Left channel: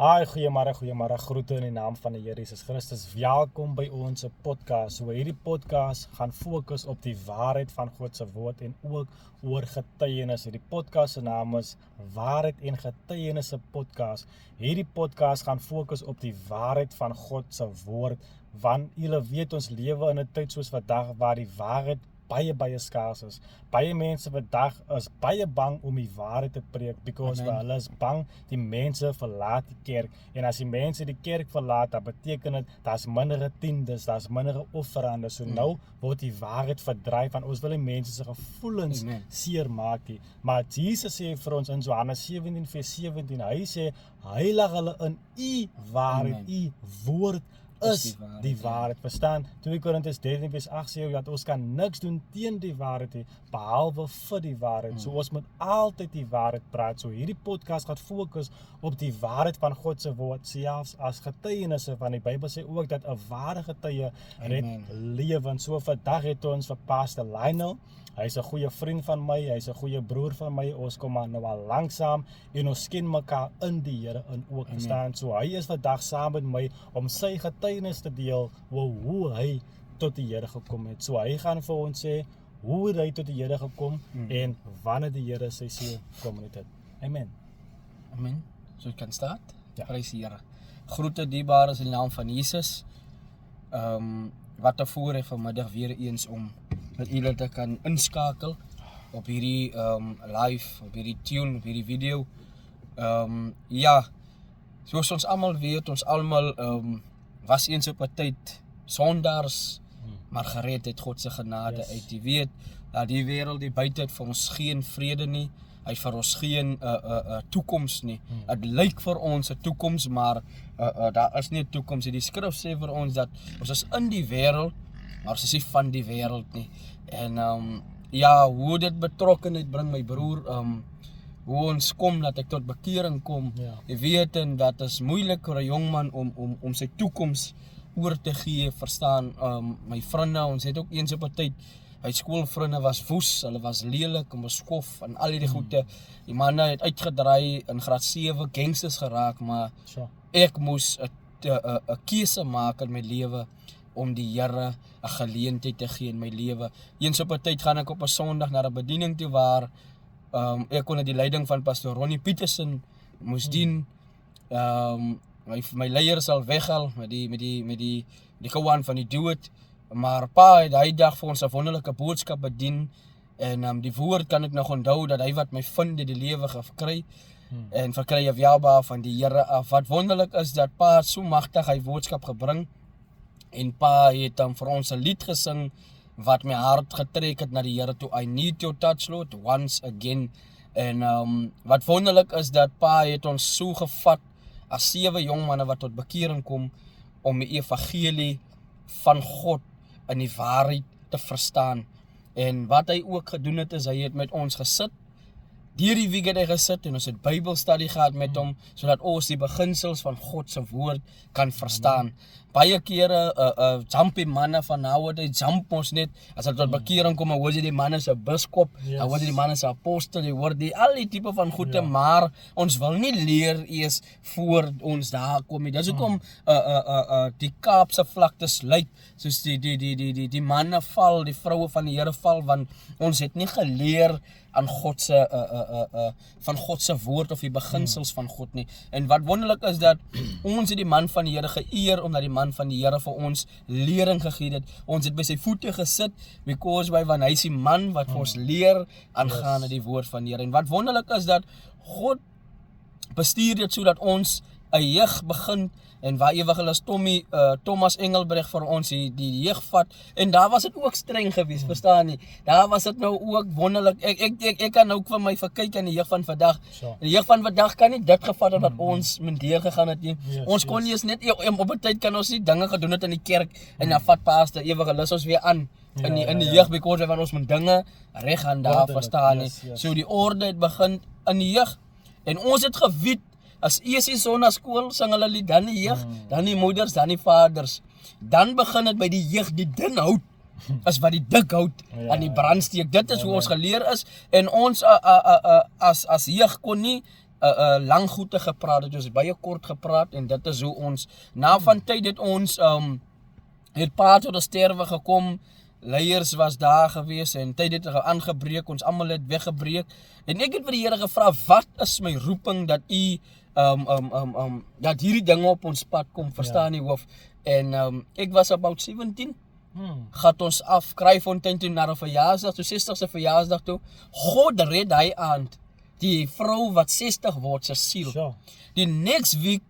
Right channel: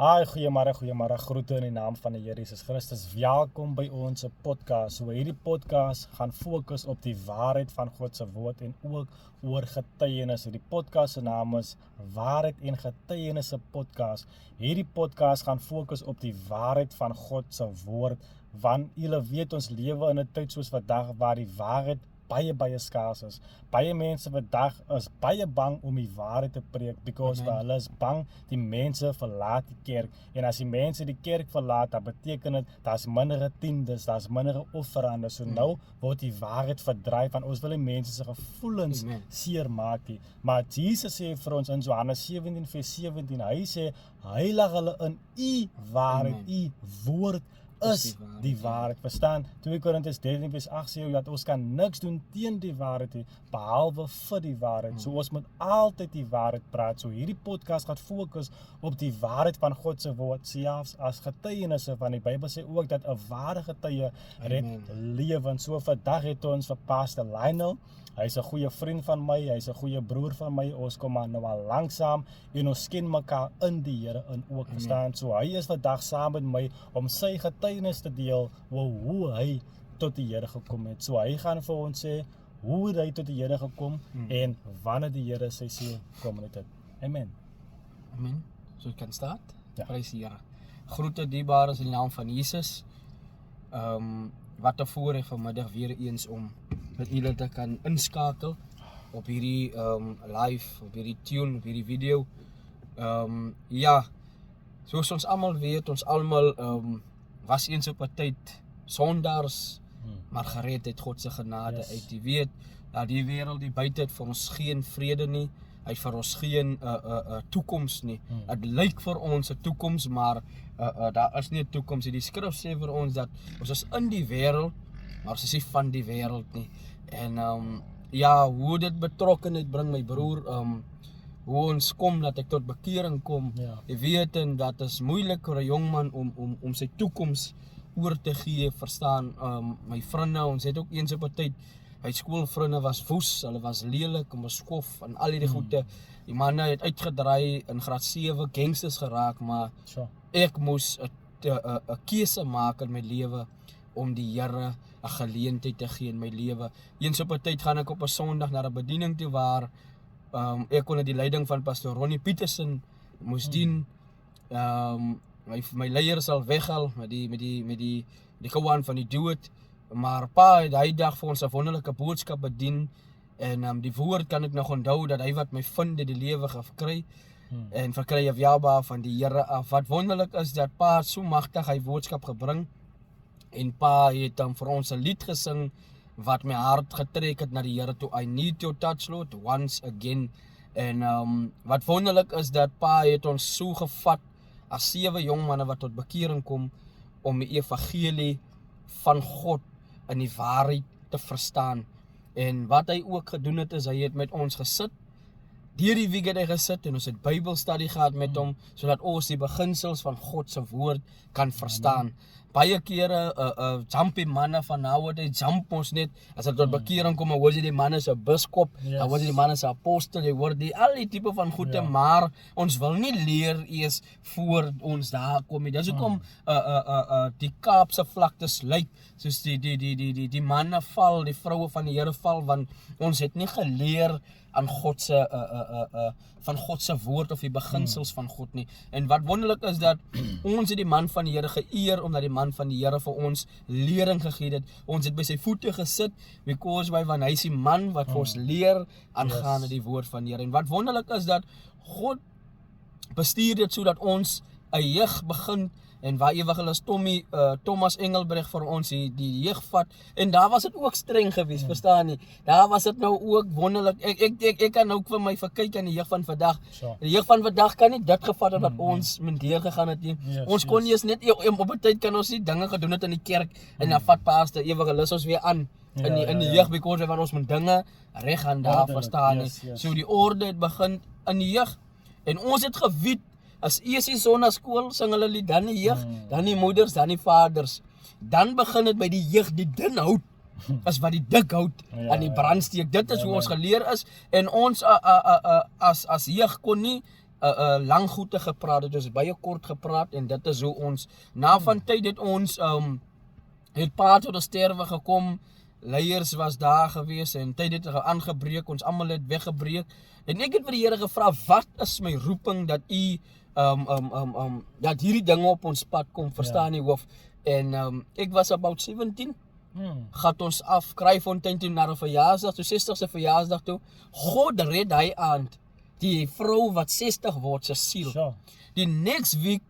Hi, goeiemôre, groete in die naam van die Here Jesus Christus. Welkom by ons podcast. So hierdie podcast gaan fokus op die waarheid van God se woord en ook oor getuienis. Die podcast se naam is Waarheid en Getuienis podcast. Hierdie podcast gaan fokus op die waarheid van God se woord, want julle weet ons lewe in 'n tyd soos vandag waar die waarheid baie skaars is. Baie mense vandag is baie bang om die waarheid te preek, because hulle is bang die mense verlaat die kerk. En as die mense die kerk verlaat, dan beteken dit daar's minder tiendes, daar's minder offerande. So nou word die waarheid verdryf, want ons wil die mense se gevoelens seer maak nie. Maar Jesus sê vir ons in Johannes 17:17, hy sê hy lag hulle in u waarheid, u woord is die waarheid, verstaan? 2 Korintiërs 13:8 sê dat ons kan niks doen teen die waarheid nie, behalwe vir die waarheid. So ons moet altyd die waarheid praat. So hierdie podcast gaan fokus op die waarheid van God se woord, selfs as getuienisse, want die Bybel sê ook dat 'n ware getuie red lewens. So vandag het ons vir Pastor Lionel. Hy's 'n goeie vriend van my, hy's 'n goeie broer van my. Ons kom maar nou al langsam en ons ken mekaar in die Here in ook, verstaan. So hy is vandag saam met my om sy getuienis te deel oor hoe hy tot die Here gekom het. So hy gaan vir ons sê hoe hy tot die Here gekom en wanneer die Here sy siel kom het. Amen. Amen. So jy kan start. Ja. Prys die Here. Groete dierbares in die naam van Jesus. Wat 'n voorreg vanmiddag weer eens om met julle te kan inskakel op hierdie live, op hierdie tune, op hierdie video. Ja, soos ons almal weet, ons almal was eens op 'n tyd sondaars, maar gered het God se genade uit. Jy weet dat die wêreld die buite het vir ons geen vrede nie. Hy vir ons geen toekoms nie. Dit lyk vir ons 'n toekoms, maar daar is nie 'n toekoms nie. Die skrif sê vir ons dat ons is in die wêreld, maar ons is nie van die wêreld nie. En ja, hoe dit betrokkenheid bring, my broer, hoe ons kom, dat ek tot bekering kom. Jy weet, en dat is moeilik vir 'n jong man om sy toekoms oor te gee, verstaan. My vriende, ons het ook eens op 'n tyd, my skoolvriende was woes, hulle was lelik, en beskof, en al hierdie goede. Die manne het uitgedraai in graad 7, gangsters geraak, maar ek moes 'n keuse maak in my lewe, om die Here 'n geleentheid te gee in my lewe. Eens op 'n tyd gaan ek op 'n Sondag na 'n bediening toe waar ek onder die leiding van Pastor Ronnie Petersen moes dien. My leier sal weghaal met die gewaan van die dood. Maar pa het hy dag vir ons 'n wonderlike boodskap bedien. En die woord kan ek nog onthou dat hy wat my vind het die lewe gekry. En verkry 'n welbehae van die Here af. Wat wonderlik is dat pa so magtig hy boodskap gebring. En pa het dan vir ons 'n lied gesing wat my hart getrek het na die Here toe. I need your touch, Lord, once again. En wat wonderlik is dat pa het ons so gevat as 7 jong manne wat tot bekering kom om die evangelie van God in die waarheid te verstaan. En wat hy ook gedoen het is, hy het met ons gesit. Deur die week het hy gesit en ons het Bybelstudie gehad met hom, sodat ons die beginsels van God se woord kan verstaan. Baie kere jumpie manne van nowadays jump ons net, as dit tot bekering kom, hoor jy die manne se biskop, dan hoor jy die manne se apostel, jy hoor die al die tipe van goede, maar ons wil nie leer eers voor ons daar kom nie. Dis hoekom die Kaapse vlaktes lyk soos die manne val, die vroue van die Here val, want ons het nie geleer aan van God se woord of die beginsels van God nie. En wat wonderlik is dat ons het die man van die Here geëer, omdat die man van die Here vir ons lering gegee het. Ons het by sy voete gesit, because want hy is die man wat vir ons leer aangaande die woord van die Here. En wat wonderlik is dat God bestuur dit sodat ons 'n jeug begin, en waar evangelis Thomas Engelbreg vir ons die jeug vat, en daar was dit ook streng geweest, verstaan nie. Daar was dit nou ook wonderlik. Ek kan nou vir my verkyk aan die jeug van vandag. Die jeug van vandag kan nie dit gevat het wat ons deur gegaan het nie. Ons kon nie eens net op 'n tyd kan ons nie dinge gedoen het in die kerk en dan vat pastor evangelis ons weer aan in die jeug, because want ons moet dinge reg aan daar, verstaan nie. So die orde het begin in die jeug, en ons het geweet, as eers die sonnaskool sing hulle lied, dan die jeug, dan die moeders, dan die vaders. Dan begin dit by die jeug, die dun hout, as wat die dik hout aan die brand steek. Dit is hoe ons geleer is, en ons as jeug kon nie lang goede gepraat, het ons baie kort gepraat en dit is hoe ons na van tyd het ons het paad tot 'n sterwe gekom. Leiers was daar gewees en tyd het aangebreek, ons almal het weggebreek. En ek het vir die Here gevra, wat is my roeping dat u dat hierdie dinge op ons pad kom, verstaan nie hoof. En ek was about 17. Gaat ons af Kraaifontein toe na 'n verjaarsdag, toe 60ste verjaarsdag toe. God red hy aand die vrou wat 60 word se siel. Sure. Die next week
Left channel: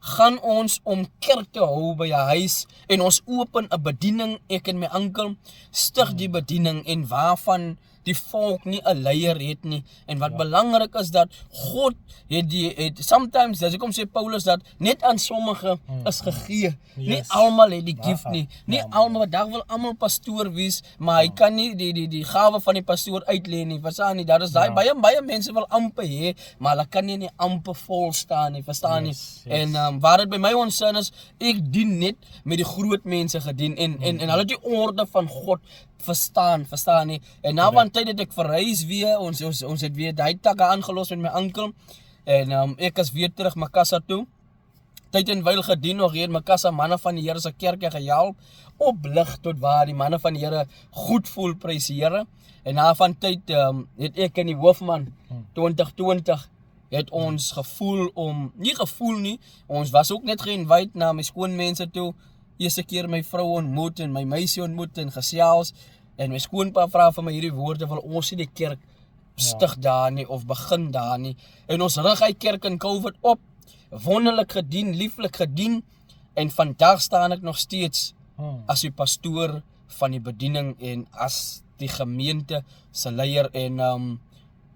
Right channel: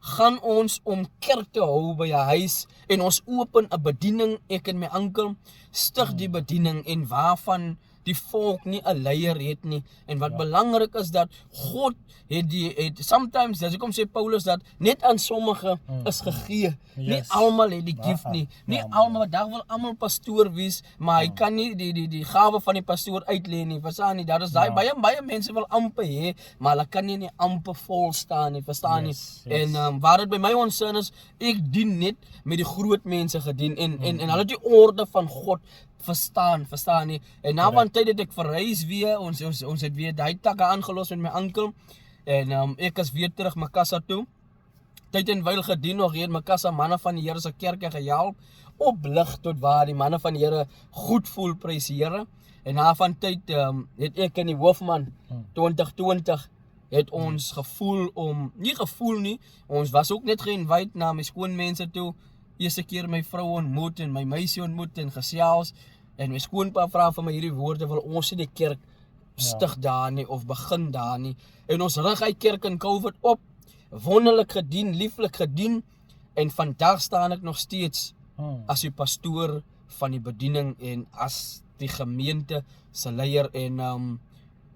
gaan ons om kerk te hou by 'n huis en ons open 'n bediening, ek en my oom stig die bediening en waarvan die volk nie 'n leier het nie. En wat belangrik is dat God het sometimes, dis hoekom sê Paulus dat net aan sommige is gegee. Nie almal het die gift nie. Nie almal, daar wil almal pastoor wees, maar hy kan nie die gawe van die pastoor uitleen nie. Verstaan nie? Daar is daai baie mense wil amper hê, maar hulle kan nie in die amper vol staan nie, verstaan nie? En waar dit by my onsin is, ek dien net met die groot mense gedien en hulle het die orde van God verstaan nie. En na van tyd het ek verhuis weer, ons het weer die takke aangelos met my oom en ek is weer terug Makassa toe. Tyd en wyl gedien nog hier in Makassa, manne van die Here se kerk gehelp, oplig tot waar die manne van die Here goed voel, prys die Here. En na van tyd het ek en die hoofman 2020 het ons gevoel nie, ons was ook net ge-invite na my skoonmense toe, eerste keer my vrou ontmoet en my meisie ontmoet en gesels, en my skoonpa vra vir my hierdie woorde, wil ons nie die kerk stig daar nie, of begin daar nie, en ons rig hy kerk in COVID op, wonderlik gedien, lieflik gedien, en vandag staan ek nog steeds as die pastoor van die bediening en as die gemeente se leier en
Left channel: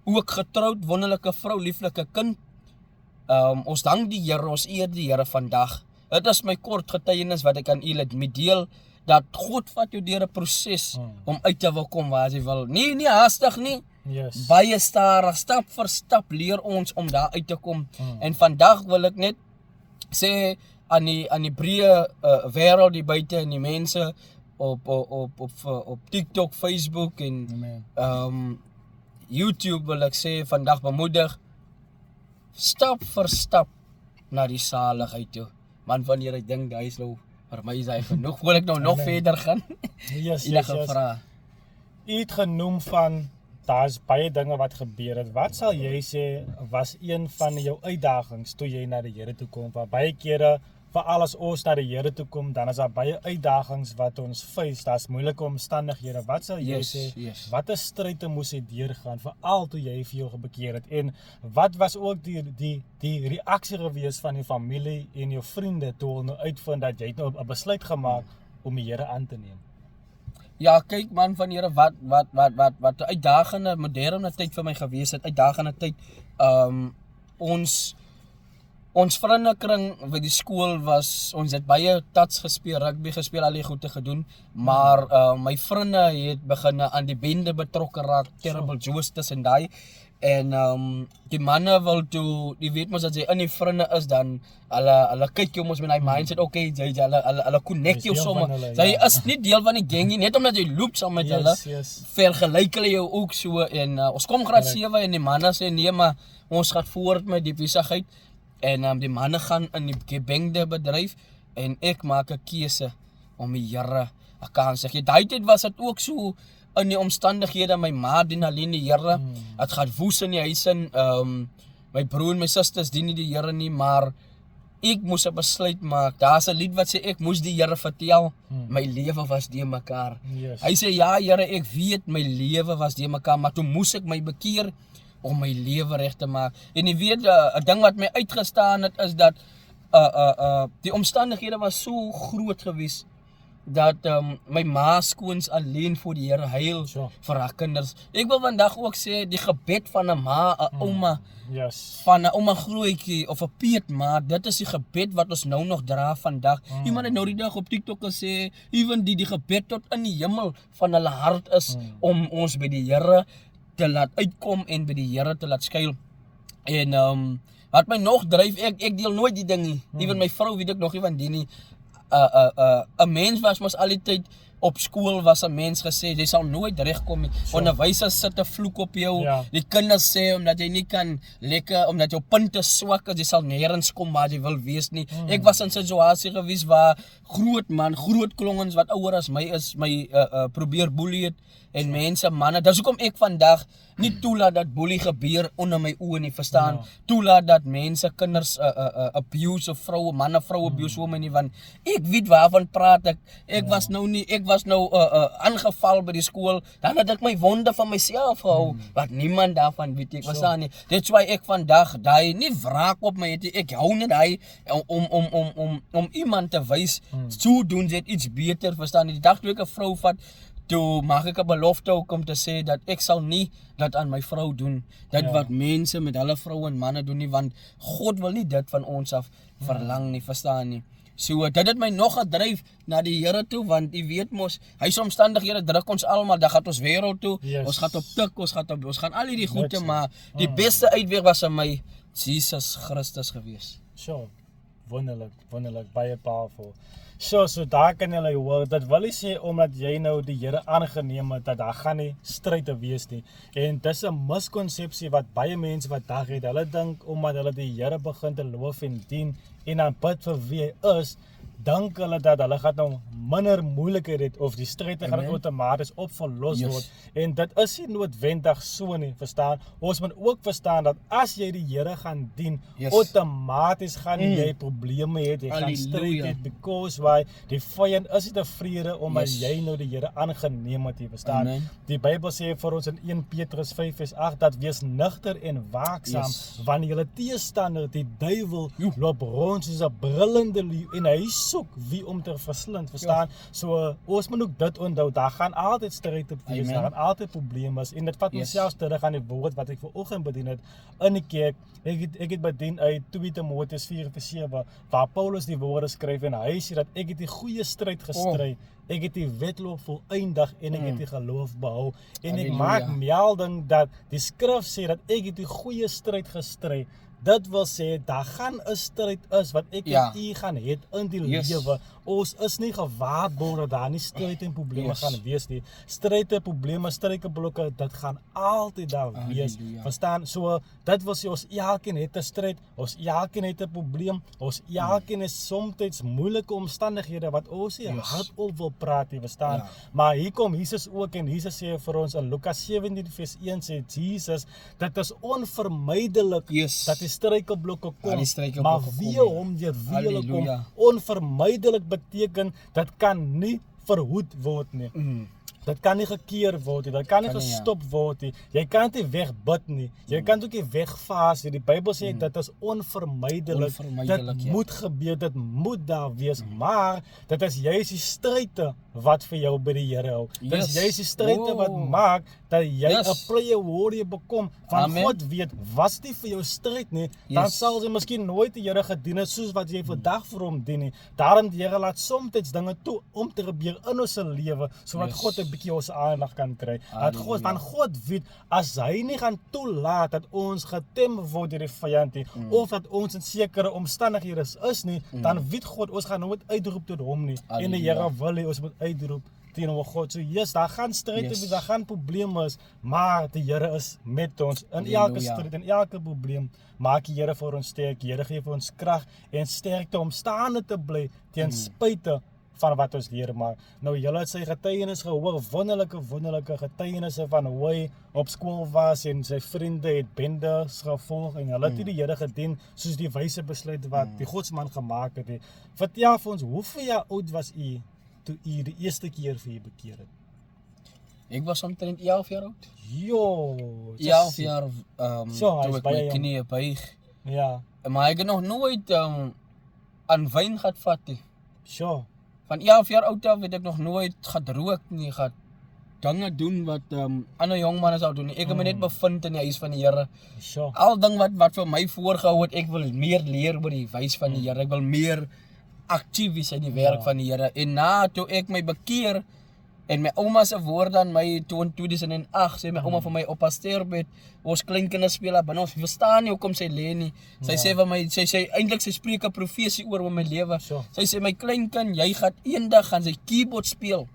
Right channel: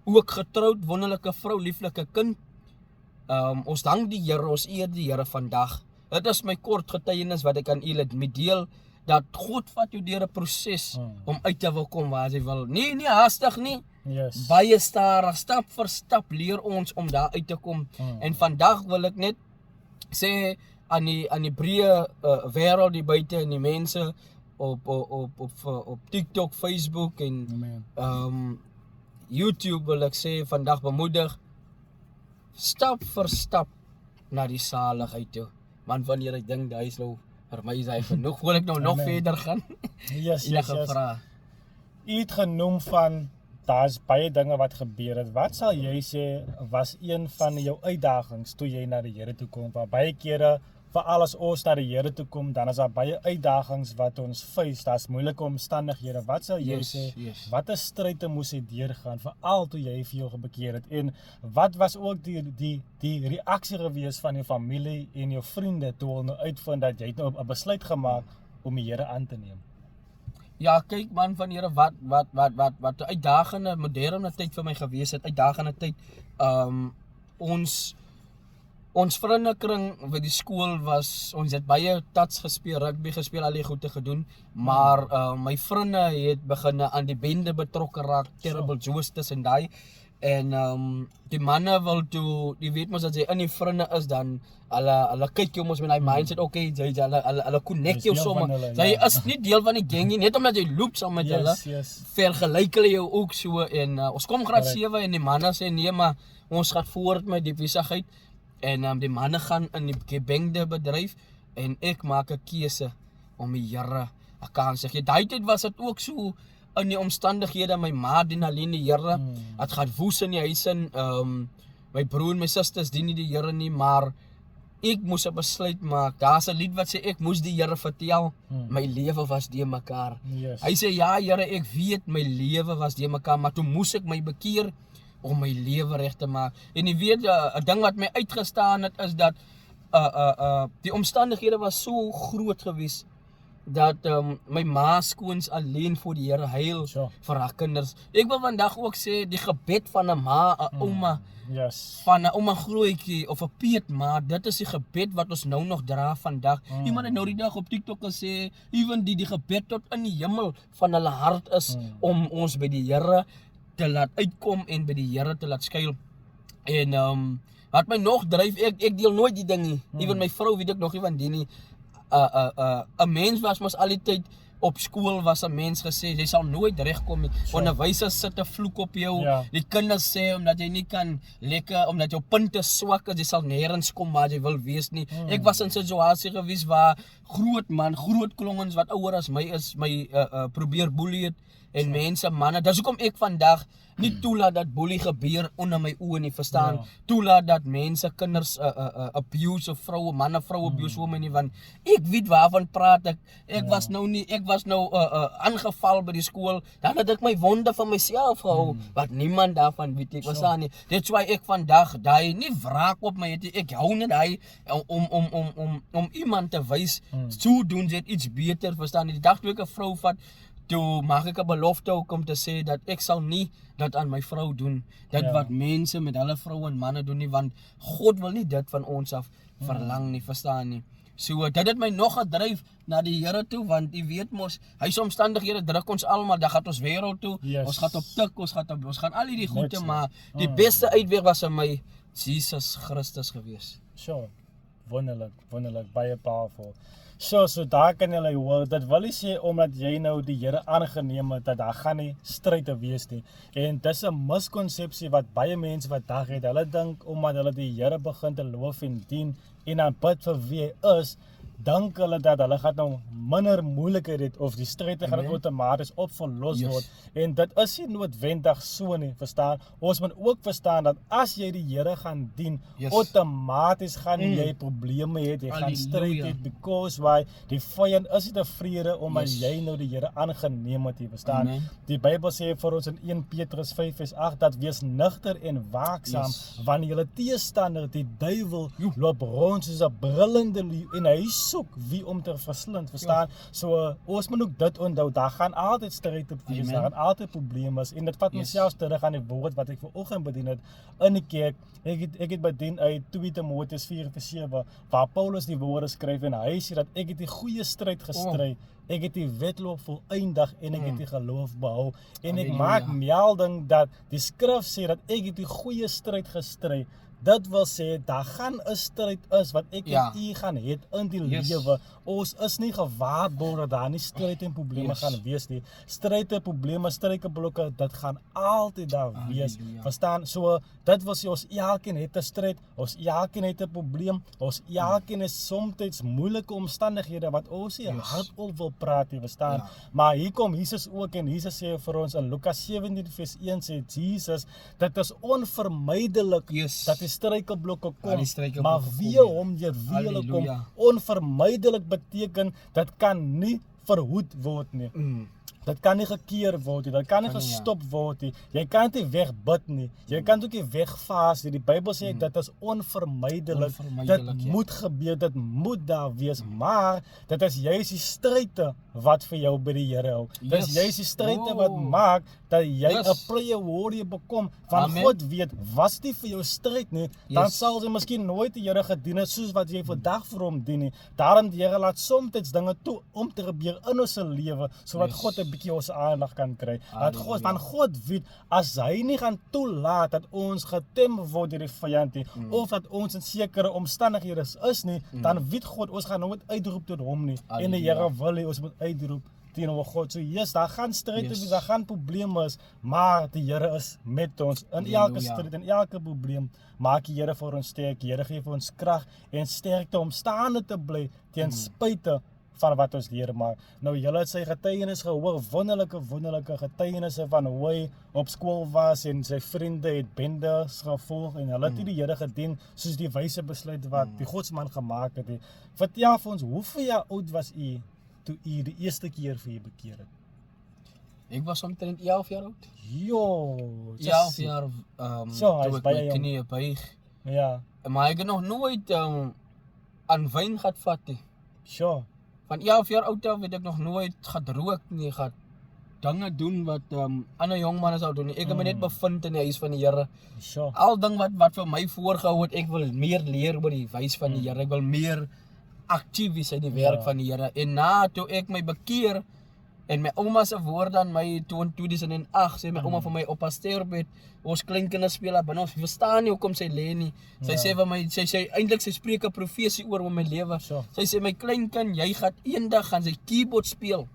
ook getroud, wonderlike vrou, lieflike kind. Ons dank die Here, ons eer die Here vandag. Dit is my kort getuienis wat ek aan u met deel, dat God vat jou deur 'n proses om uit te wil kom waar hy wil. Nie haastig nie. Yes. Baie stadig, stap vir stap leer ons om daar uit te kom. En vandag wil ek net sê aan die breë wêreld die buite en die mense op TikTok, Facebook en YouTube wil ek sê vandag bemoedig, stap vir stap na die saligheid toe. Man, wanneer ek dink hy is nou vir my is hy genoeg, wil ek nou nog verder gaan. Yes. U het genoem van daar's baie dinge wat gebeur het. Wat sal jy sê was een van jou uitdagings toe jy na die Here toe kom? Want baie kere, veral as ons na die Here toe kom, dan is daar baie uitdagings wat ons face, daar's moeilike omstandighede. Wat sal jy sê, wat 'n stryd moes jy deurgaan, veral toe jy vir jou gebekeer het? En wat was ook die reaksie gewees van jou familie en jou vriende toe hulle uitvind dat jy nou 'n besluit gemaak om die Here aan te neem? Ja, kyk man van Here, wat 'n uitdagende moderne tyd vir my gewees het, uitdagende tyd. Ons vriendekring by die skool was, ons het baie tats gespeel, rugby gespeel, al die goede gedoen, maar my vriende het begin aan die bende betrokke raak, terrible Joes tussen daai, en die manne wil toe, die weet mos dat jy in die vriende is, dan hulle kyk jou mos met die mindset, okay, hulle connect jou somme, jy is nie deel van die gang nie, net omdat jy loop saam met hulle, vergelyk hulle jou ook so, en ons kom graad 7 en die manne sê, nee, maar ons gaat voort met die besigheid, en die manne gaan in die gebengde bedryf, en ek maak 'n keuse om die Here 'n kans te gee. Daai tyd was dit ook so, in die omstandighede, my ma dien alleen die Here, het gaan woes in die huis in, my broer en my susters dien nie die Here nie, maar ek moes 'n besluit maak. Daar's 'n lied wat sê, ek moes die Here vertel, my lewe was de mekaar. Hy sê, ja Here, ek weet, my lewe was de mekaar, maar toe moes ek my bekeer, om my lewe reg te maak. En jy weet, 'n ding wat my uitgestaan het, is dat die omstandighede was so groot gewees, dat my ma skoons alleen voor die Here huil vir haar kinders. Ek wil vandag ook sê, die gebed van 'n ma, 'n ouma, van 'n ouma grootjie, of 'n peetma, dit is die gebed wat ons nou nog dra vandag. Iemand het nou die dag op TikTok gesê, even die gebed tot in die hemel van hulle hart is, om ons by die Here te laat uitkom en by die Here te laat skuil. En wat my nog dryf, ek deel nooit die ding nie. Even my vrou weet ek nog nie van die nie. 'n mens was mos al die tyd op skool was 'n mens gesê, jy sal nooit regkom nie. Onderwysers sit 'n vloek op jou. Ja. Die kinders sê omdat jy nie kan lekker, omdat jou punte swak is, jy sal nêrens kom waar jy wil wees nie. Ek was in 'n situasie gewees waar groot klongens wat ouer as my is, my probeer boelie het en mense, manne. Dis hoekom ek vandag nie toelaat dat boelie gebeur onder my oë nie, verstaan? Ja. Toelaat dat mense kinders abuse of vroue, manne vroue abuse oor my nie, want ek weet waarvan praat ek. Ek was nou aangeval by die skool, dan het ek my wonde van myself gehou, wat niemand daarvan weet ek, verstaan nie. That's why ek vandag daai nie wraak op my het, ek hou net daai om iemand te wys, so doen dit iets beter, verstaan nie. Die dag toe ek 'n vrou vat, toe maak ek 'n belofte ook om te sê dat ek sal nie dat aan my vrou doen, dit wat mense met hulle vroue en manne doen nie, want God wil nie dit van ons af verlang nie, verstaan nie. So dit het my nog gedryf na die Here toe, want jy weet mos, hy se omstandighede druk ons almal, dan gaan ons wêreld toe, ons gaan op tik, ons gaan al hierdie goede, maar die beste uitweg was aan my Jesus Christus gewees. Sure, wonderlik, baie powerful. So daar kan jy hoor, dat wil nie sê omdat jy nou die Here aangeneem het, dat daar gaan nie stryd te wees nie. En dis 'n miskonsepsie wat baie mense vandag het. Hulle dink omdat hulle die Here begin te loof en dien en aan bid vir wie hy is, dink hulle dat hulle gaan nou minder moeilikheid het of die stryd gaan outomaties opgelos word. En dit is nie noodwendig so nie, verstaan? Ons moet ook verstaan dat as jy die Here gaan dien, outomaties gaan jy probleme hê, jy gaan stryd hê, because why die vyand is nie tevrede omdat jy nou die Here aangeneem het, jy verstaan? Die Bybel sê vir ons in 1 Petrus 5:8 dat wees nugter en waaksaam, want julle teestander, die duiwel, loop rond soos 'n brullende leeu en hy soek wie om te verslind, verstaan? So ons moet ook dit onthou, daar gaan altyd stryd op wees, daar gaan altyd probleme is, en dit vat myself terug aan die woord wat ek vanoggend bedien het in die kerk. Ek het bedien uit 2 Timoteus 4:7, waar Paulus die woorde skryf en hy sê dat ek het die goeie stryd gestry, ek het die wedloop volëindig en ek het die geloof behou. En ek maak melding dat die skrif sê dat ek het die goeie stryd gestry. Dit wil sê, daar gaan 'n stryd is wat ek en u gaan het in die lewe. Ons is nie gewaarborg dat daar nie stryd en probleme gaan wees nie. Stryd en probleme, struikelblokke, dit gaan altyd daar wees. Verstaan? So, dit wil sê, ons elkeen het 'n stryd, ons elkeen het 'n probleem, ons elkeen is soms moeilike omstandighede wat ons nie hardop wil praat nie, verstaan? Maar hier kom Jesus ook en Jesus sê vir ons in Lukas 17:1 sê Jesus, dit is onvermydelik dat die struikelblokke kom, maar wie hom deur wie hulle kom, onvermydelik beteken, dit kan nie verhoed word nie. Dit kan nie gekeer word nie, dit kan nie gestop word nie, jy kan nie wegbid nie, jy kan ook nie wegvaas nie, die Bybel sê dit is onvermydelik, dit moet gebeur, dit moet daar wees, maar dit is juist die stryde wat vir jou by die Here hou, dit is juist die stryde wat maak, dat jy 'n prayer warrior bekom, van God weet, was nie vir jou stryd nie, dan sal jy miskien nooit die Here gedien het, soos wat jy vandag vir hom dien nie, daarom die Here laat soms dinge toe, om te gebeur in ons lewe, so wat God 'n bietjie ons aandag kan kry, want God weet, as hy nie gaan toelaat, dat ons getem word deur die vyand nie, of dat ons in sekere omstandighede is nie, dan weet God, ons gaan nooit uitroep tot hom nie, en die Here wil hê, ons moet uitroep teenoor God. So daar gaan stryd wees, daar gaan probleme is, maar die Here is met ons in elke stryd en elke probleem. Maak die Here vir ons sterk, die Here gee vir ons krag en sterkte om staande te bly teen spyte van wat ons leer. Maar nou julle het sy getuienis gehoor, wonderlike getuienisse van hoe hy op skool was en sy vriende het bendes gevolg en hulle het die Here gedien soos die wyse besluit wat die Godsman gemaak het. Vertel vir ons, hoeveel jaar oud was u toe u die eerste keer vir u bekeer het? Ek was omtrent 11 jaar oud. 11 jaar, toe ek my knie buig. Ja. Maar ek het nog nooit aan wyn gehad vat nie. Van 11 jaar oud af het ek nog nooit gedroog nie, gehad dinge doen wat ander jong manne sou doen nie. Ek het my net bevind in die huis van die Here. Al ding wat vir my voorgehou het, ek wil meer leer oor die wys van die Here. Ek wil meer aktief wees in die werk van die Here. En na toe ek my bekeer en my ouma se woorde aan my toe in 2008 sê my ouma vir my op haar sterfbed, ons kleinkinders speel daar binne, ons verstaan nie hoekom sy lê nie. Sy sê vir my, sy eintlik sy spreek 'n profesie oor my lewe. Sy sê my kleinkind, jy gaan eendag gaan sy keyboard speel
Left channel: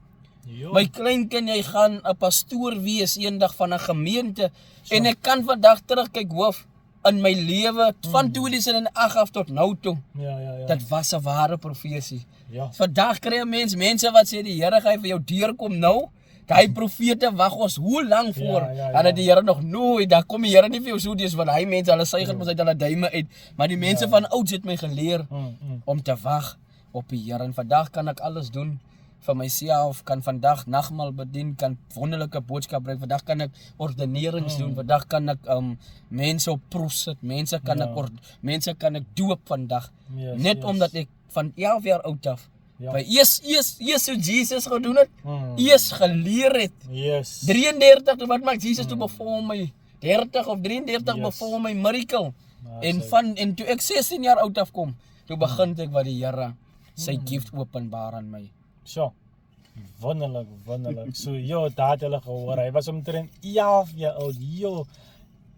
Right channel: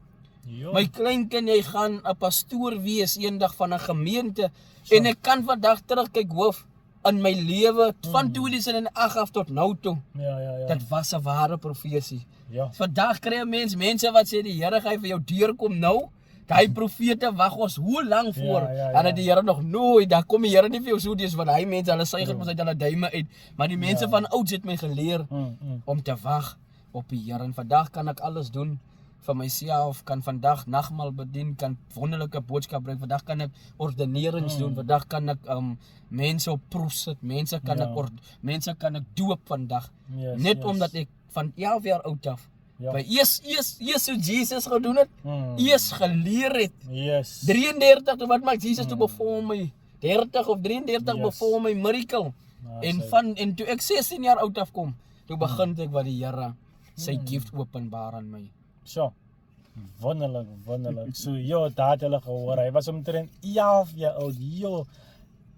Jo. My kleinkind, hy gaan 'n pastoor wees eendag van 'n gemeente en ek kan vandag terugkyk hoof in my lewe van 2008 af tot nou toe. Ja. Dit was 'n ware profesie. Ja. Vandag kry jy mense wat sê die Here gaan vir jou deurkom nou. Daai profete wag ons hoe lank voor. En dat die Here nog nooit, dan kom die Here nie vir jou so dis want hy mense hulle suiger mos uit hulle duime uit. Maar die mense van ouds het my geleer om te wag op die Here. En vandag kan ek alles doen vir myself, kan vandag nagmaal bedien, kan wonderlike boodskap bring. Vandag kan ek ordenerings doen. Vandag kan ek mense op proef sit. Mense kan ek doop vandag. Net omdat ek van 11 jaar oud af by eers hoe Jesus gedoen het, eers geleer het. 33, wat maak Jesus toe bevol my? 30 of 33 bevol my miracle. En toe ek 16 jaar oud afkom, toe begin ek wat die Here sy gift openbaar aan my. So, wonderlik. So, daar het hulle gehoor, hy was omtrent 11 jaar oud,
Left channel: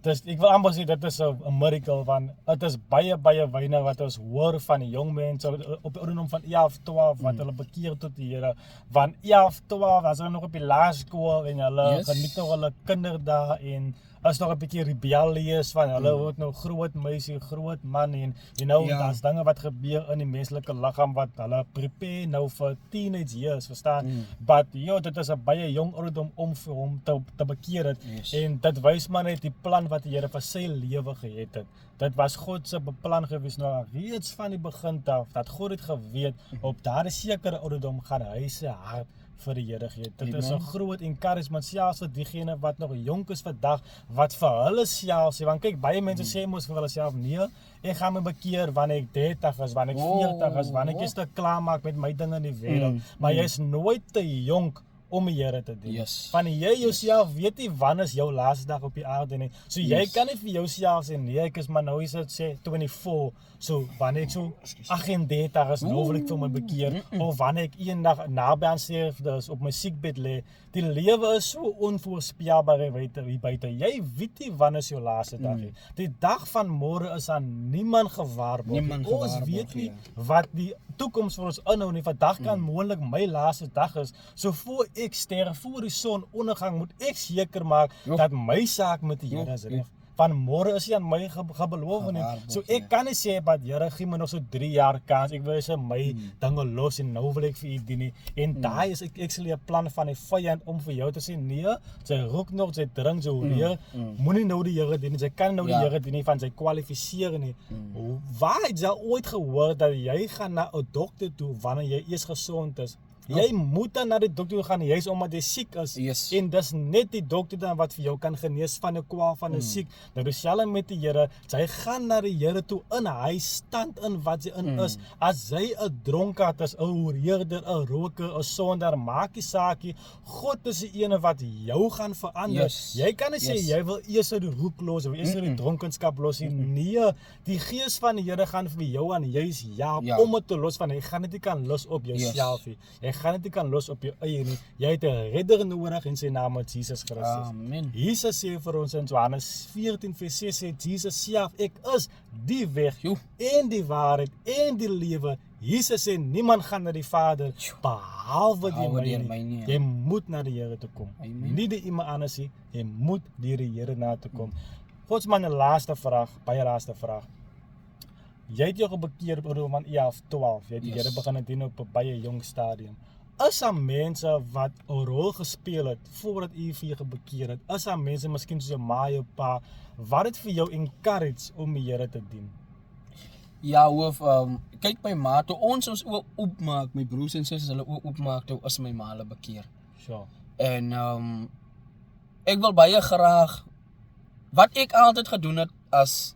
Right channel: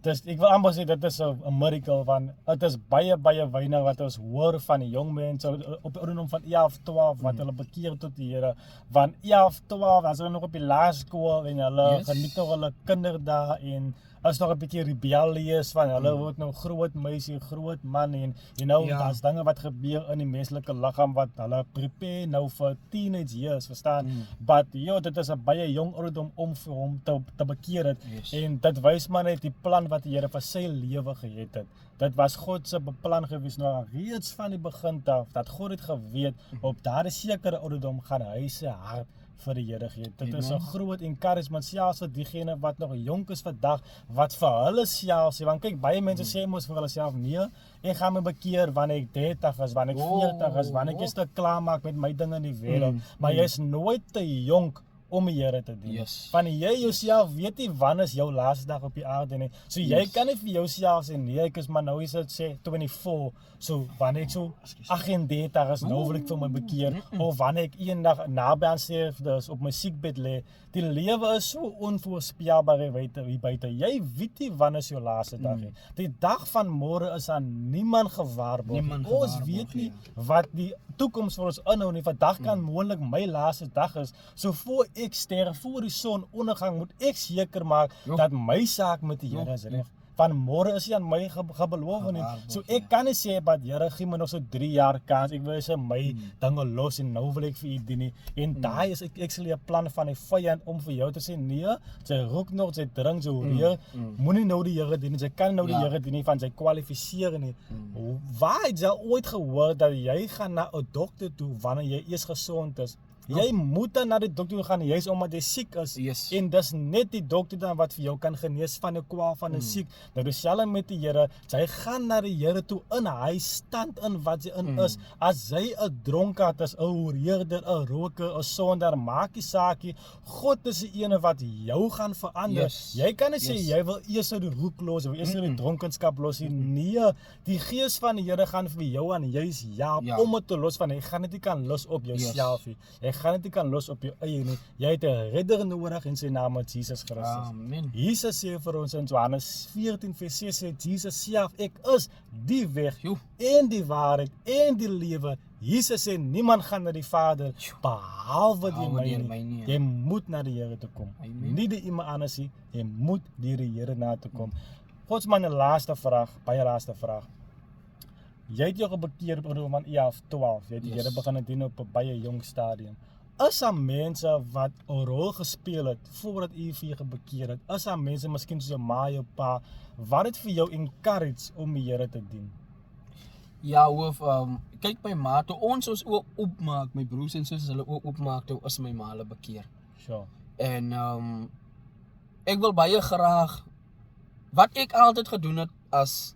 ek wil amper sê, dit is 'n miracle, want het is baie weinig wat ons hoor van die jong mense, op die ouderdom van 11, 12, wat hulle bekeer tot die Here, van 11, 12, as hulle nog op die laerskool, en hulle geniet nog hulle kinderdae, en is nog 'n bietjie rebellious, van hulle word nou groot meisie, groot man, en daar's dinge wat gebeur in die menslike liggaam, wat hulle prepare nou vir teenage years, verstaan? But, dit is 'n baie jong ouderdom om vir hom te bekeer het, en dit wys maar net die plan wat die Here vir sy lewe gehet het. Dit was God se beplan gewees, nou reeds van die begin af, dat God het geweet, op daardie sekere ouderdom gaan hy sy hart vir die Here gee. Dit is 'n groot encouragement, selfs vir diegene wat nog jonk is vandag, wat vir hulle self sê, want kyk, baie mense sê mos vir hulle self, nee, ek gaan my bekeer wanneer ek 30 is, wanneer ek 40 is, wanneer ek is te klaar maak met my dinge in die wêreld, maar jy is nooit te jonk om die Here te dien. Van jy jouself weet nie wanneer is jou laaste dag op die aarde nie. So jy kan nie vir jouself sê, nee, ek is maar nou is dit sê 24, so wanneer ek so 38 is, nou wil ek vir my bekeer, of wanneer ek eendag naby aan sterfte op my siekbed lê. Die lewe is so onvoorspelbaar hier buite. Jy weet nie wanneer is jou laaste dag nie. Die dag van môre is aan niemand gewaarborg. Ons weet nie wat die toekoms vir ons inhou nie. Vandag kan moontlik my laaste dag is. So voor ek sterf, voor die son ondergang, moet ek seker maak dat my saak met die Here is reg. Van môre is hy aan my gebeloof nie. So ek kan nie sê, maar Here gee my nog so 3 jaar kans. Ek wil sê my dinge los en nou wil ek vir u dien nie. En daai is ek sal 'n plan van die vyand om vir jou te sê, nee, sy rook nog, sy drink, sy hoor, moenie nou die Here dien nie. Sy kan nou die Here dien nie, van sy kwalifiseer nie. Waar het jy ooit gehoor dat jy gaan na 'n dokter toe wanneer jy eers gesond is? Jy moet dan na die dokter gaan, juist omdat jy siek is. En dis net die dokter dan wat vir jou kan genees van 'n kwaal van 'n siek. Nou dieselfde met die Here, jy gaan na die Here toe in hy stand in wat jy in is. As jy 'n dronkaard is, 'n hoereerder, 'n roker, 'n sondaar, maak nie saak nie. God is die ene wat jou gaan verander. Jy kan nie sê jy wil eers die roek los of eers die dronkenskap los nie. Nee, die Gees van die Here gaan vir jou aan juis om dit te los, van jy gaan dit nie kan los op jouself nie. Jy gaan dit nie kan los op jou eie nie. Jy het 'n redder nodig en sy naam is Jesus Christus. Amen. Jesus sê vir ons in Johannes 14:6 sê Jesus self, ek is die weg en die waarheid en die lewe. Jesus sê niemand gaan na die Vader behalwe deur my nie. Jy moet na die Here toe kom. Nie die iemand anders nie. Jy moet deur die Here na toe kom. Gods man, 'n laaste vraag, baie laaste vraag. Jy het jou gebekeer op ouderdom van 11, 12. Jy het die Here begin dien op 'n baie jong stadium. Is daar mense wat 'n rol gespeel het voordat u vir jou gebekeer het? Is daar mense, miskien soos jou ma, jou pa, wat het vir jou encourage om die Here te dien? Ja, hoof, kyk my ma, toe ons oop oopmaak, my broers en susters hulle oopmaak, toe is my ma hulle bekeer. En ek wil baie graag, wat ek altyd gedoen het, as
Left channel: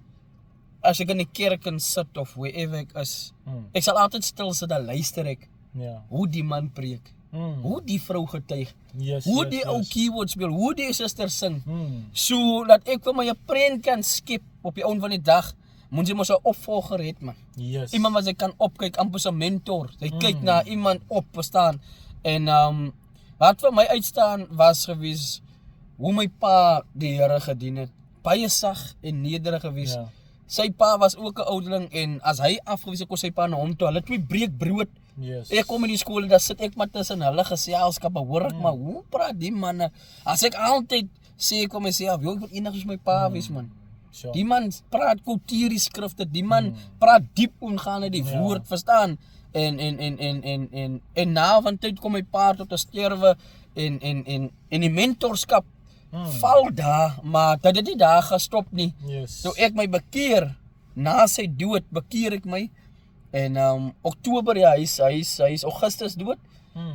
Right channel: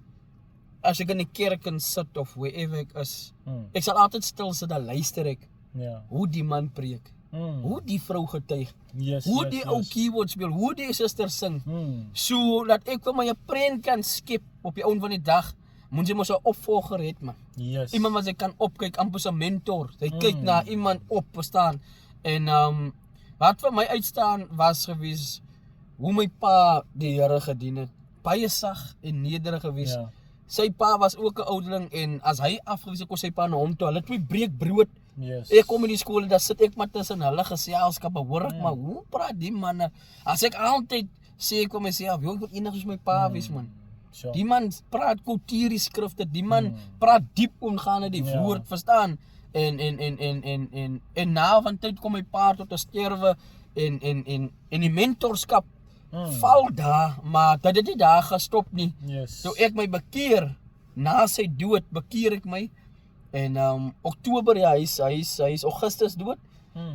ek in die kerk kan sit of wherever ek is, ek sal altyd stil sit en luister ek, hoe die man preek, hoe die vrou getuig, hoe die ou keyboard speel, hoe die suster sing, so dat ek vir my 'n prent kan skep op die einde van die dag. Moet jy mos 'n opvolger het, man. Iemand wat jy kan opkyk, amper 'n mentor. Jy kyk na iemand op, verstaan. En wat vir my uitstaan was gewees hoe my pa die Here gedien het. Baie sag en nederig gewees. sy pa was ook 'n ouderling en as hy afgewys het, kom sy pa na hom toe. Hulle twee breek brood. Yes. Ek kom in die skool en daar sit ek maar tussen hulle geselskappe, hoor ek maar hoe praat die manne. As ek altyd sê ek kom myself, ek wil eendag soos my pa wees man. Sure. Die man praat kultuurie skrifte, die man praat diep omgaande die woord, verstaan? En na van tyd kom my pa tot 'n sterwe en die mentorskap val daar, maar dat dit nie daar gestop nie. Yes. Toe ek my bekeer, na sy dood bekeer ek my. En Oktober, ja, hy is Augustus dood.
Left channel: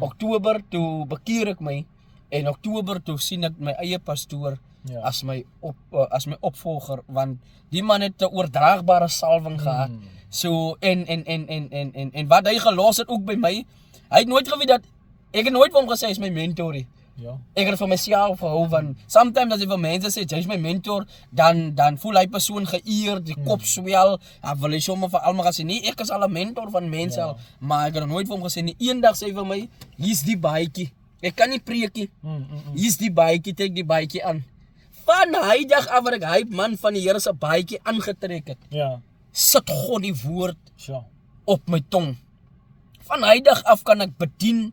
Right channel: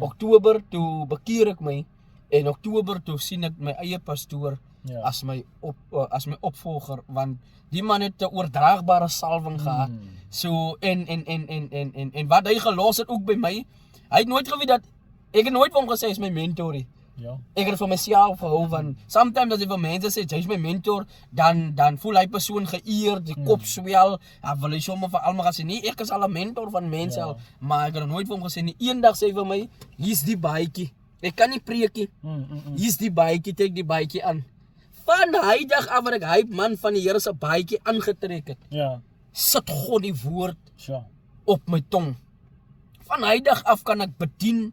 Oktober toe bekeer ek my en Oktober toe sien ek my eie pastoor as my opvolger, want die man het 'n oordraagbare salwing gehad. So en wat hy gelos het ook by my. Hy het nooit geweet dat ek het nooit vir hom gesê hy is my mentor nie. Ja. Ek het vir myself gehou van sometimes as jy vir mense sê jy is my mentor, dan voel hy persoon geëer, die kop swel, dan wil hy sommer vir almal gesê nee, ek is al 'n mentor van mense al, maar ek het nooit vir hom gesê nie. Eendag sê hy vir my, hier's die baadjie. Ek kan nie preek nie. Hier's die baadjie, trek die baadjie aan. Van hy dag af wat ek hy man van die Here se baadjie aangetrek het. Ja. Sit God die woord Sure. op my tong. Van hy dag af kan ek bedien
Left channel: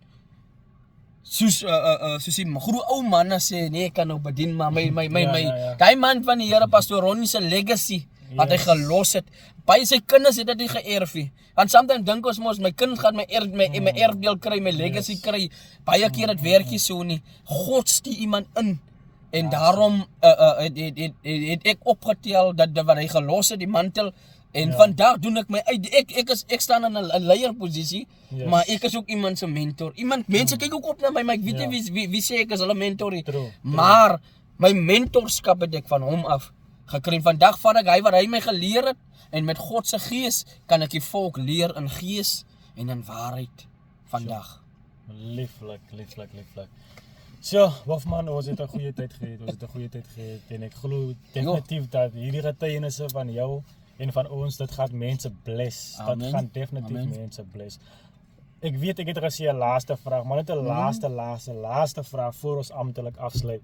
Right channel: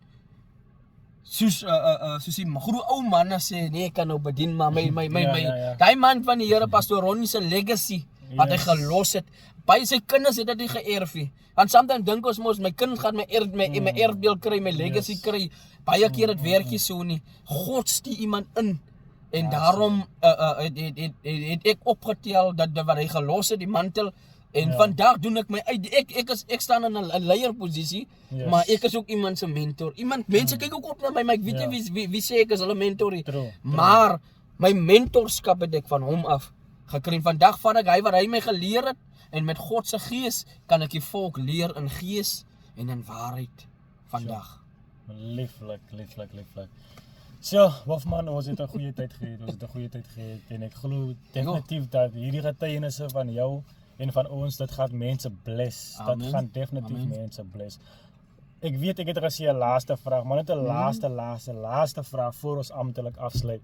soos die groot ou manne sê, nee, ek kan nou bedien, maar daai man van die Here, Pastoor Ronnie se legacy, wat hy gelos het, by sy kinders het dit geërf nie. Want sometimes dink ons mos, my kind gaan my erfdeel kry, my legacy kry, baie keer het werk nie so nie. God stuur iemand in, en daarom het ek opgetel, dat wat hy gelos het, die mantel, en vandag doen ek my uit, ek staan in 'n leierposisie, maar ek is ook iemand se mentor. Mense kyk ook op na my, maar ek weet nie wie sê ek is hulle mentor nie. Maar my mentorskap het ek van hom af gekry. Vandag vat ek wat hy my geleer het, en met God se gees kan ek die volk leer in gees en in waarheid vandag. Lieflik. So, Wolfman, ons het 'n goeie tyd gehad, en ek glo definitief dat hierdie getuienisse van jou en van ons, dit gaan mense bless. Amen. Dit gaan definitief mense bless. Ek weet ek het gesê 'n laaste vraag, maar net 'n laaste vraag voor ons amptelik afsluit.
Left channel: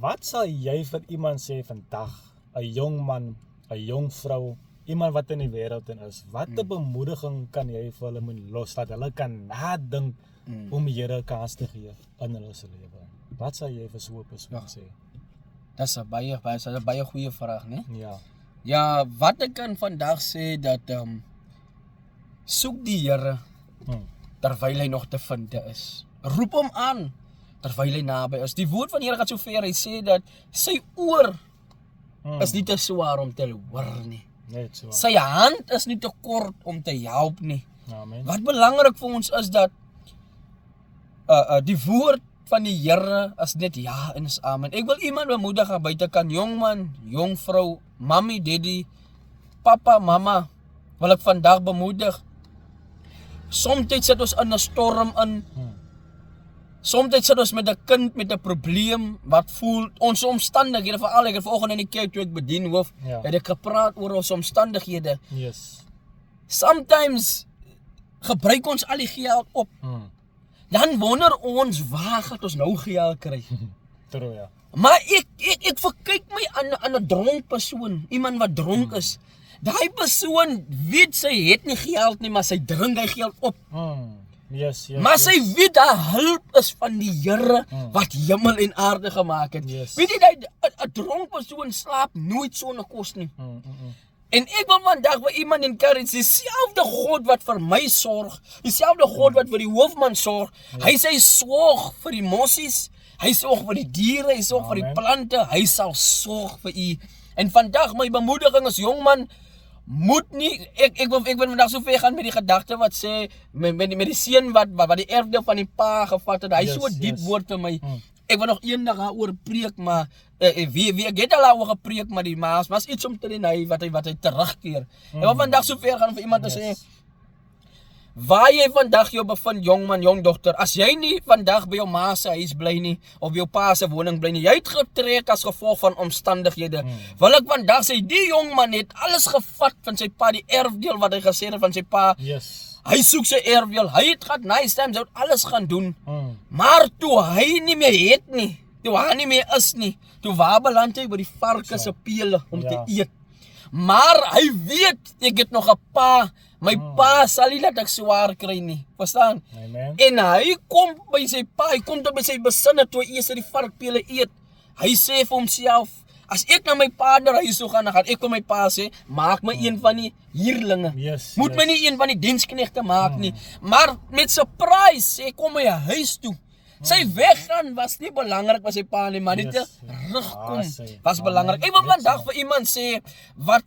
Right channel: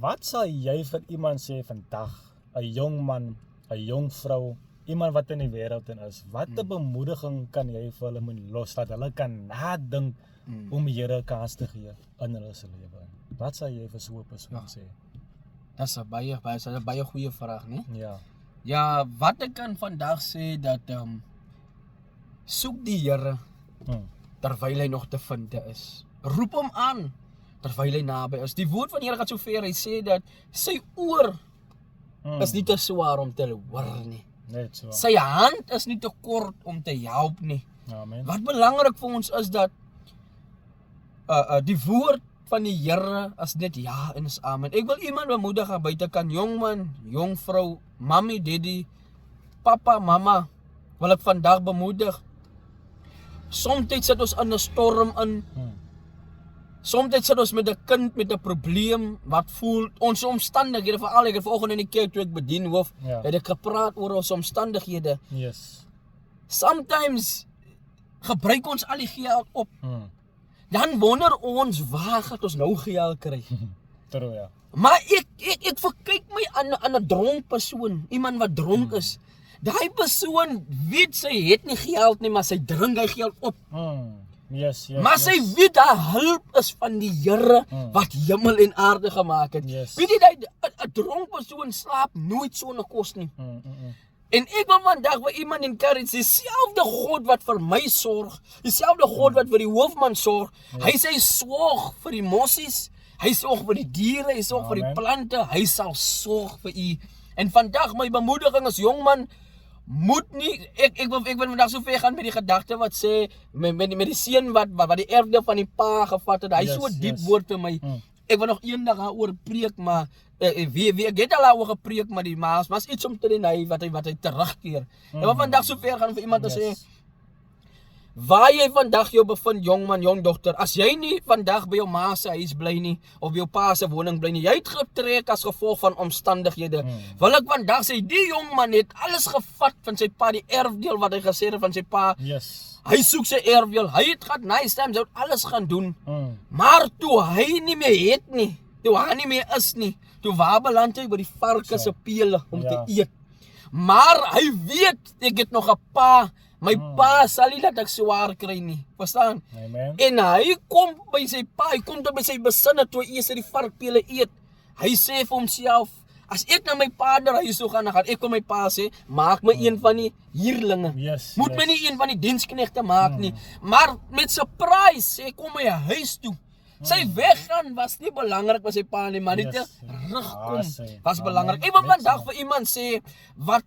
Wat sal jy vir iemand sê vandag, 'n jong man, 'n jong vrou, iemand wat in die wêreld is, watter bemoediging kan jy vir hulle moet los, dat hulle kan nadink om die Here 'n kans te gee in hulle se lewe? Wat sal jy vir so 'n persoon sê? Dis 'n baie goeie vraag, né? Ja. Ja, wat ek kan vandag sê, dat soek die Here terwyl hy nog te vind is. Roep hom aan terwyl hy naby is. Die woord van die Here gaan so ver, hy sê dat sy oor is nie te swaar om te hoor nie. Net so. Sy hand is nie te kort om te help nie. Amen. Wat belangrik vir ons is dat die woord van die Here is net ja en is amen. Ek wil iemand bemoedig aan buitekant, jong man, jong vrou, mommy, daddy, papa, mama, wil ek vandag bemoedig. Somtyds sit ons in 'n storm in. Somtyds sit ons met 'n kind met 'n probleem wat voel ons omstandighede, veral ek het vanoggend in die kerk toe ek bedien hoof, het ek gepraat oor ons omstandighede. Yes. Sometimes gebruik ons al die geld op. Dan wonder ons, waar gaan ons nou geld kry? True, ja. Maar ek verkyk my aan 'n dronk persoon, iemand wat dronk is. Daai persoon weet sy het nie geld nie, maar sy drink hy geld op. Yes. Maar sy weet dat hulp is van die Here wat hemel en aarde gemaak het. Weet jy dat 'n dronk persoon slaap nooit sonder kos nie. En ek wil vandag vir iemand encourage, dieselfde God wat vir my sorg, dieselfde God wat vir die hoofman sorg, hy sê hy sorg vir die mossies, hy sorg vir die diere, hy sorg vir die plante, hy sal sorg vir u. En vandag my bemoediging as jong man, moet nie, ek wil vandag so ver gaan met die gedagte wat sê, met die seun wat die erfdeel van die pa gevat het, hy so diep woord vir my. Ek wil nog eendag daaroor preek, maar wie ek het al daaroor gepreek, maar die maas iets om te doen wat hy terugkeer. Ek wil vandag so ver gaan vir iemand te sê, waar jy vandag jou bevind, jong man, jong dogter, as jy nie vandag by jou ma se huis bly nie, of jou pa se woning bly nie, jy het getrek as gevolg van omstandighede, wil ek vandag sê, die jong man het alles gevat van sy pa, die erfdeel wat hy gesê het van sy pa, hy soek sy erfdeel, hy het gehad nice times, hy het alles gaan doen, maar toe hy nie meer het nie, toe hy nie meer is nie, toe waar beland hy by die varke se pele om te eet. Maar hy weet ek het nog 'n pa. My pa sal nie laat ek swaar kry nie. Verstaan? Amen. En hy kom by sy pa, hy kom tot by sy besinne toe hy eers die varkpele eet. Hy sê vir homself, as ek na my vader huis toe gaan, dan gaan ek vir my pa sê, maak my een van die huurlinge. Yes, Moet my nie een van die diensknegte maak nie. Maar met surprise sê kom hy huis toe. Sy weggaan was nie belangrik vir sy pa nie, maar net terugkom was belangrik. Ek wil vandag vir iemand sê wat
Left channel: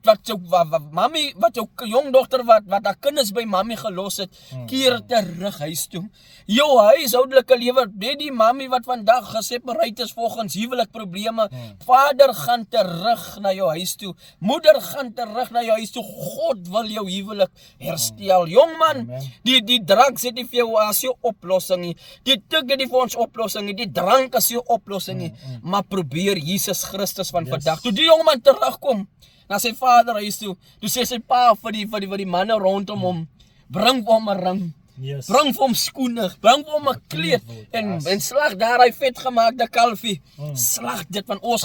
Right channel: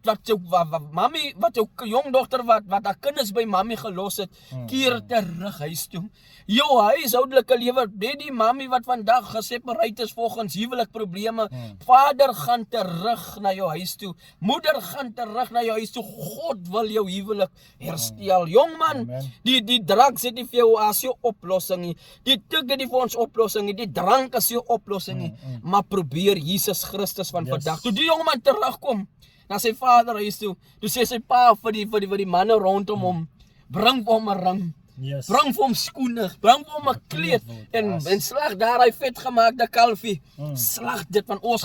jou jongdogter wat haar kinders by mami gelos het, keer terug huis toe. Jou huishoudelike lewe, die mami wat vandag gesepareerd is volgens huwelik probleme, vader gaan terug na jou huis toe. Moeder gaan terug na jou huis toe. God wil jou huwelik herstel. Jongman, die drugs het nie vir jou as jou oplossing nie. Die tik het nie vir ons oplossing nie. Die drank is jou oplossing nie. Maar probeer Jesus Christus van vandag. Toe die jongman terugkom na sy vader huis toe, toe sê sy pa vir die manne rondom hom, bring vir hom 'n ring. Bring vir hom skoene, bring vir hom 'n kleed en slag daar hy vetgemaakte kalfie. Slag dit van ons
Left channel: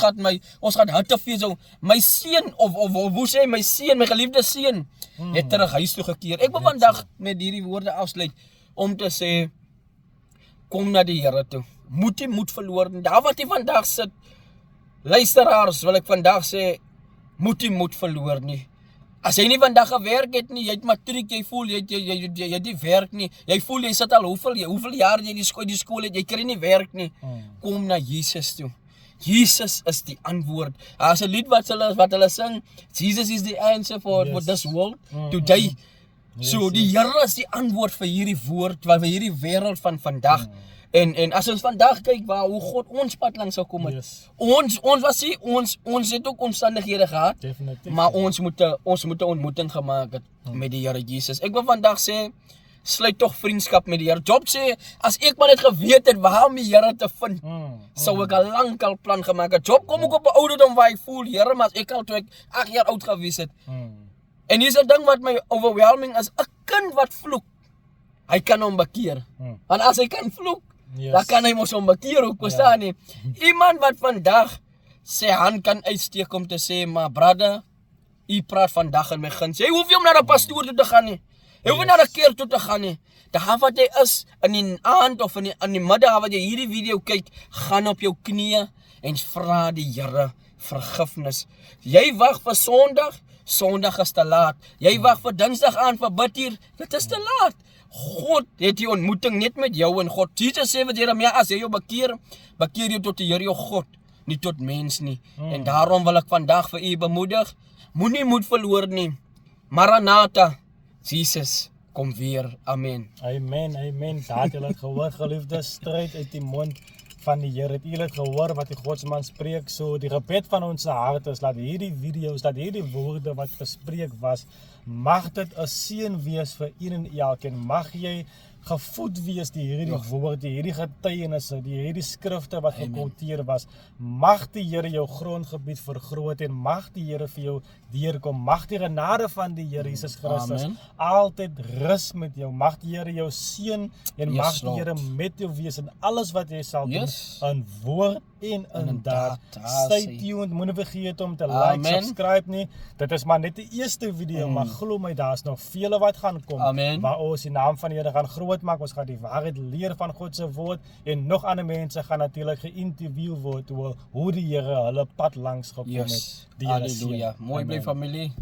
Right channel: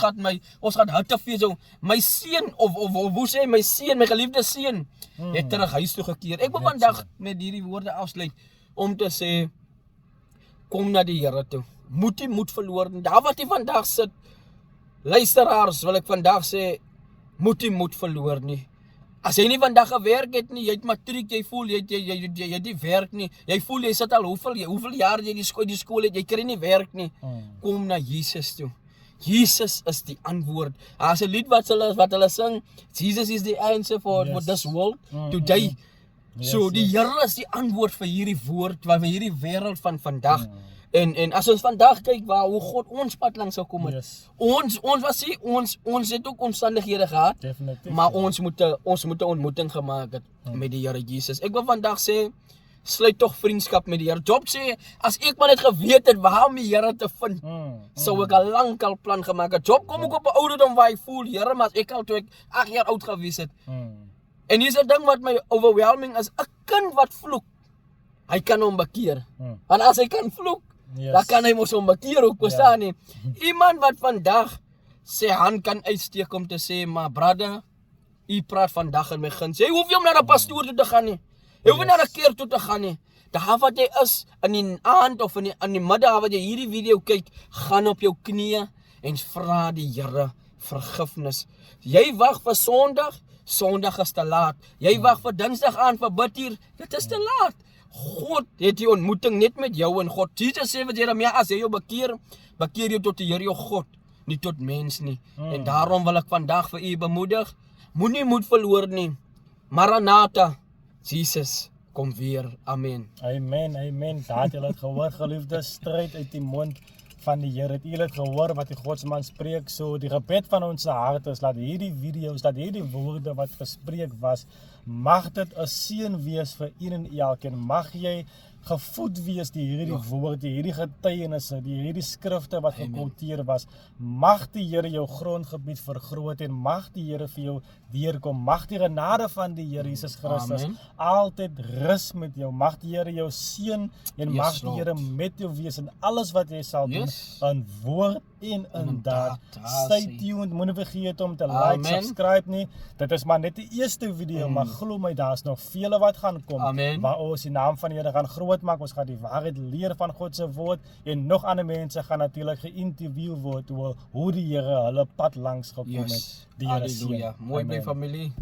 gaan hittefees so. My seun of hoe sê my seun, my geliefde seun, het terug huis toe gekeer. Ek wil vandag met hierdie woorde afsluit om te sê, kom na die Here toe. Moet nie moed verloor nie. Daar wat jy vandag sit, luisteraars, wil ek vandag sê, moet nie moed verloor nie. As jy nie vandag gewerk het nie, jy het matriek, jy voel jy het nie werk nie. Jy voel jy sit al hoeveel jaar jy die skool het, jy kry nie werk nie. Kom na Jesus toe. Jesus is die antwoord. As 'n lied wat hulle sing, Jesus is the answer for this world today. So die Here is die antwoord vir hierdie woord, vir hierdie wêreld van vandag. En as ons vandag kyk hoe God ons pad langs sou kom het. Ons het ook omstandighede gehad. Definitief. Maar ons moet 'n ontmoeting gemaak het met die Here Jesus. Ek wil vandag sê, sluit tog vriendskap met die Here. Job sê, as ek maar net geweet het waar om die Here te vind, sou ek al lankal plan gemaak het. Job kom ook op 'n ouderdom waar hy voel, Here, maar as ek al toe ek 8 jaar oud gewees het. En hier's 'n ding wat my overwhelming is, 'n kind wat vloek, hy kan hom bekeer. Want as hy kan vloek, dan kan hy mos hom bekeer ook, verstaan nie? Iemand wat vandag sy hand kan uitsteek om te sê, maar brother, u praat vandag in my guns. Jy hoef nie om na 'n pastoor toe te gaan nie. Jy hoef nie na 'n kerk toe te gaan nie. Daar wat jy is, in die aand of in die middag wat jy hierdie video kyk, gaan op jou knieë en vra die Here vergifnis. Jy wag vir Sondag is te laat. Jy wag vir Dinsdag aan vir bidtuur, dit is te laat. God het die ontmoeting net met jou en God. Jesus sê vir Jeremia, as jy jou bekeer jy tot die Here jou God, nie tot mens nie. En daarom wil ek vandag vir u bemoedig, moenie moed verloor nie. Maranatha, Jesus kom weer. Amen. Amen. Daar het julle gehoor, geliefdes, stryd uit die mond van die Here. Het julle het gehoor wat die Godsman spreek? So die gebed van ons hart is dat hierdie video's, dat hierdie woorde wat gespreek was, mag dit 'n seën wees vir een en elkeen. Mag jy gevoed wees deur hierdie woorde, hierdie getuienisse, hierdie skrifte wat gequoteer was. Mag die Here jou grondgebied vergroot en mag die Here vir jou deurkom. Mag die genade van die Here Jesus Christus altyd rus met jou. Mag die Here jou seën en mag die Here met jou wees in alles wat jy sal doen, in woord en in daad. Stay tuned, moenie vergeet om te like, subscribe nie. Dit is maar net die eerste video, maar glo my, daar's nog vele wat gaan kom, waar ons die naam van die Here gaan groot maak. Ons gaan die waarheid leer van God se woord en nog ander mense gaan natuurlik geïnterview word oor hoe die Here hulle pad langs gekom het. Die Here seën. Mooi bly familie.